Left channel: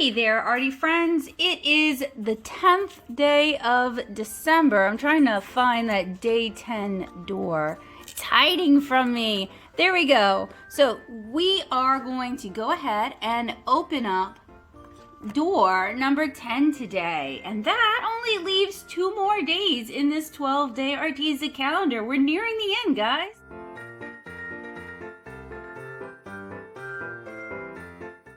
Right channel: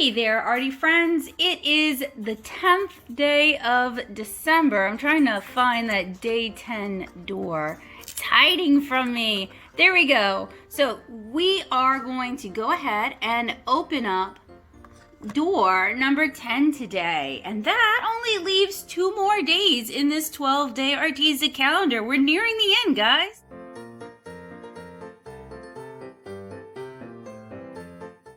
Hey there, arty friends. It is the 10th day of December. I'm trying to find that day 10 door. It's hiding from me. There we go. So we are going to go ahead and open up door number 10 today. And that only leaves 2 more days in this 12-day Arteza calendar. We're nearing the end, guys.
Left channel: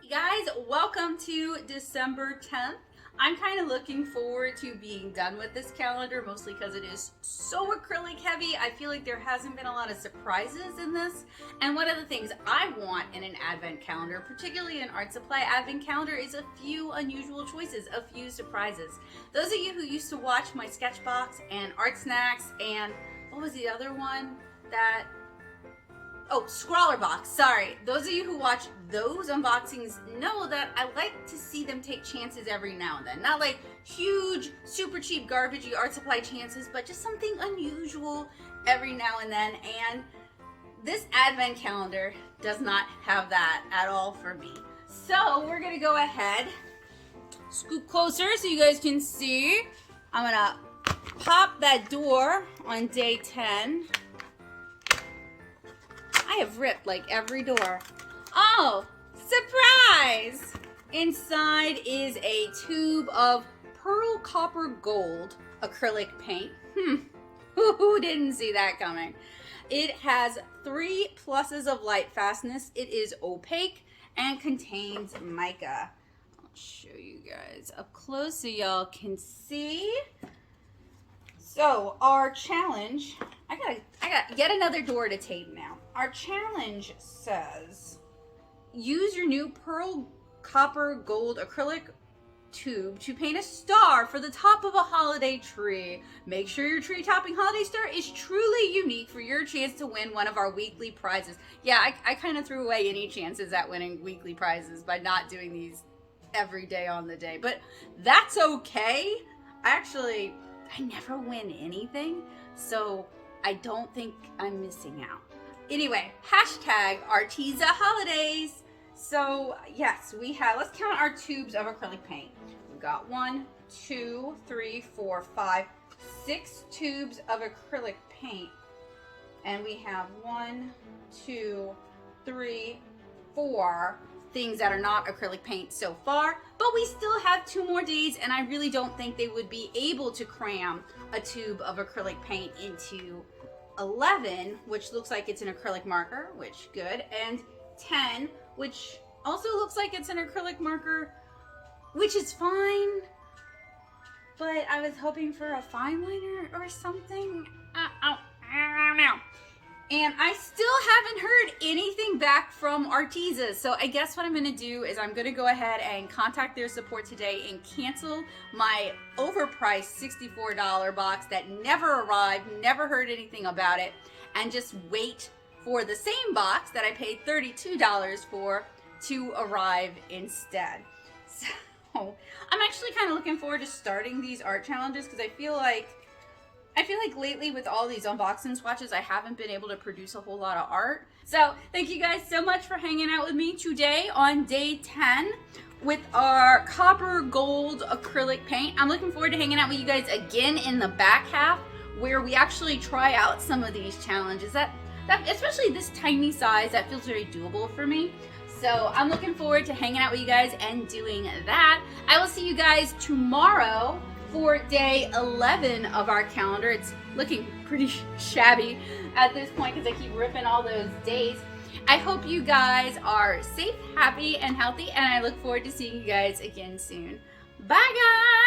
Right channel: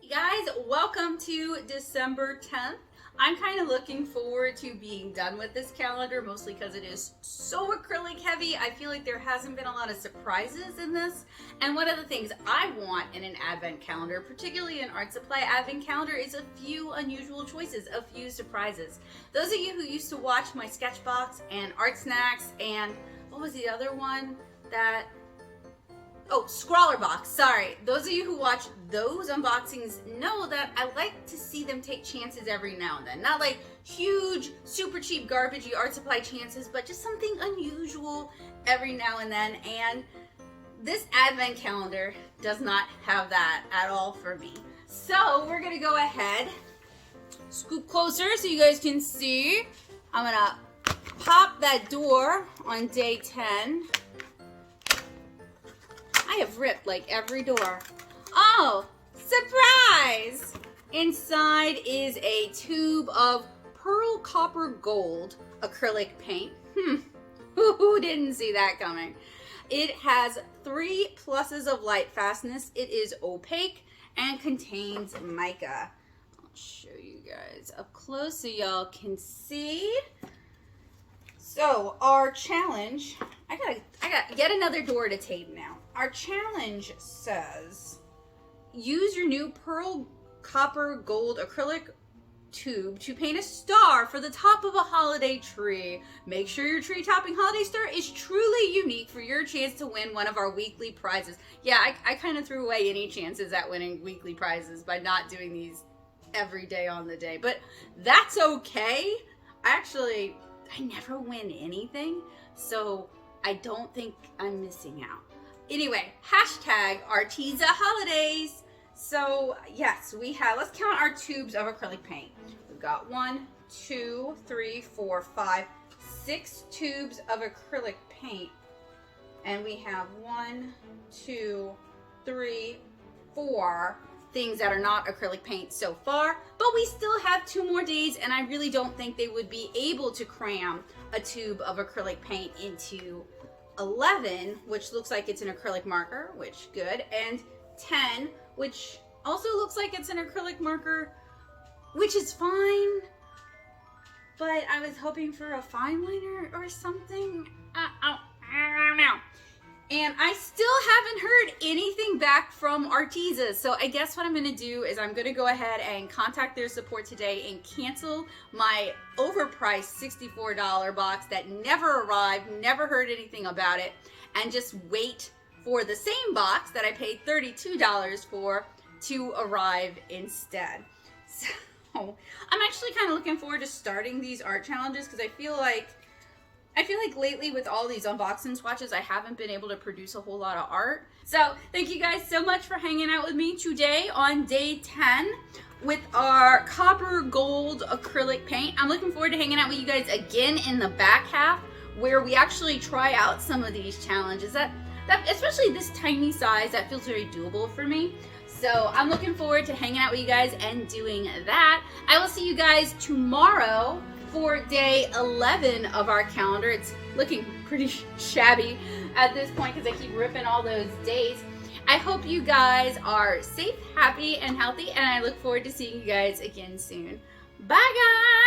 Guys, welcome to December 10th. I'm kind of looking forward to being done with this calendar, mostly because it is so acrylic heavy. I feel like there hasn't been a lot of surprises in this. And one of the things I want in an advent calendar, particularly an art supply advent calendar, is a few unusual choices, a few surprises. Those of you who used to watch my Sketchbox and Art Snacks and what was the other one that... Oh, Scrawler Box, sorry. Those of you who watch those unboxings know that I like to see them take chances every now and then. Not like huge, super cheap, garbagey art supply chances, but just something unusual every now and then. And this advent calendar does not have that at all for me. So we're gonna go ahead, scoot closer so you guys can see. I'm gonna pop that door on day 10. I have ripped like every door. Oh, surprise! Inside is a tube of pearl copper gold acrylic paint. Who didn't see that coming? It has 3 pluses of light fastness. It is opaque and contains mica. I'll show you guys up close so y'all can see. So our challenge, I got yet another door to tape now. Our challenge says, use your new pearl copper gold acrylic tube to paint a star for the top of a holiday tree. Make sure your tree topping holiday star is truly unique for your chance to win one of our weekly prizes. Yeah, I kind of threw away any chances at winning weekly prizes by not doing these every day on the day, but that's okay. I never win anything, so I don't think I'm missing out. Anyway, hashtag Arteza holidays. So yes, let's count our tubes of acrylic paint. We've got 1, 2, 3, 4, 5, 6 tubes of acrylic paint. And we have 1, 2, 3, 4 things that are not acrylic paint so far, but we still have 2 more days, and I really don't think they would be able to cram a tube of acrylic paint into 11, which looks like it's an acrylic marker, which good, and 10, which also looks like it's an acrylic marker, which is fine, but I was hoping for a fine liner or something. I don't know. And I still haven't heard anything back from Arteza. So I guess what I'm going to do is I'm going to go ahead and contact their support today and cancel my overpriced $64 box that never arrived, never heard anything about it, and just wait for the same box that I paid $32 for to arrive instead. So I'm actually kind of looking forward to starting these art challenges because I feel like lately with all these unboxing swatches, I haven't been able to produce a whole lot of art. So thank you guys so much for hanging out with me today on day 10 with our copper gold acrylic paint. I'm looking forward to hanging out with you guys again in the back half where we actually try out some of these challenges that especially this tiny size, that feels very doable for me. So I'm looking forward to hanging out with you guys and doing that. I will see you guys tomorrow for day 11 of our calendar. It's looking pretty shabby at this point because I keep ripping all those days. I hope you guys are safe, happy, and healthy, and I look forward to seeing you guys again soon. Bye, guys!